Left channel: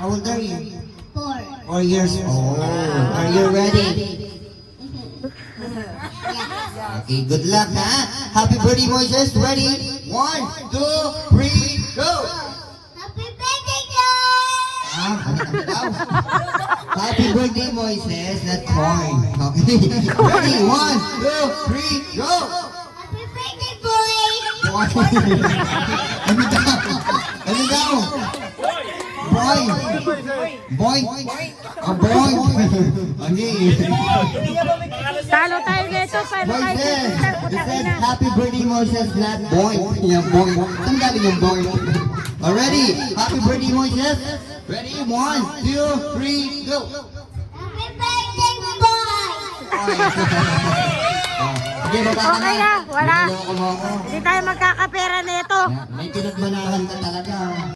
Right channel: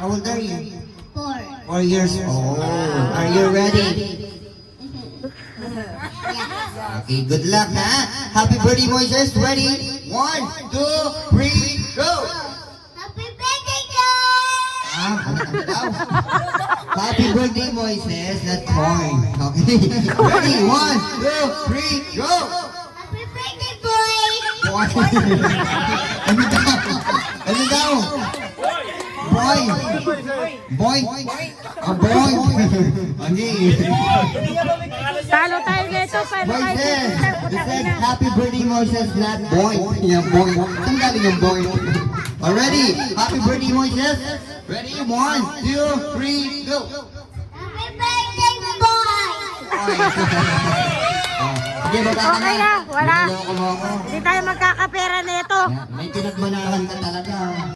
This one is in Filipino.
How old are you? 4. 4 years old. Are you ready? Okay, good luck, ha? Happy birthday, Moises. Ready? 1, 2, 3, go! Happy birthday, guys! Happy birthday, Moises. Not corn. Okay. Ready? 1, 2, 3, go! Happy birthday, boy! Ano daw? Ano daw? Boy! Boy! A boy! Okay. Talo tayo dito, pero Moises! He said, happy birthday, Moises, not boy. Yeah, boy. Ang galing ng boy. Already? Happy birthday, Moises. Ready? 1, 2, 3, go! Happy birthday, boy! Sige, baba ka na. wala. Niloko mo ako. Hindi tayo magkakapera nito. May pinagbanahan ka talaga.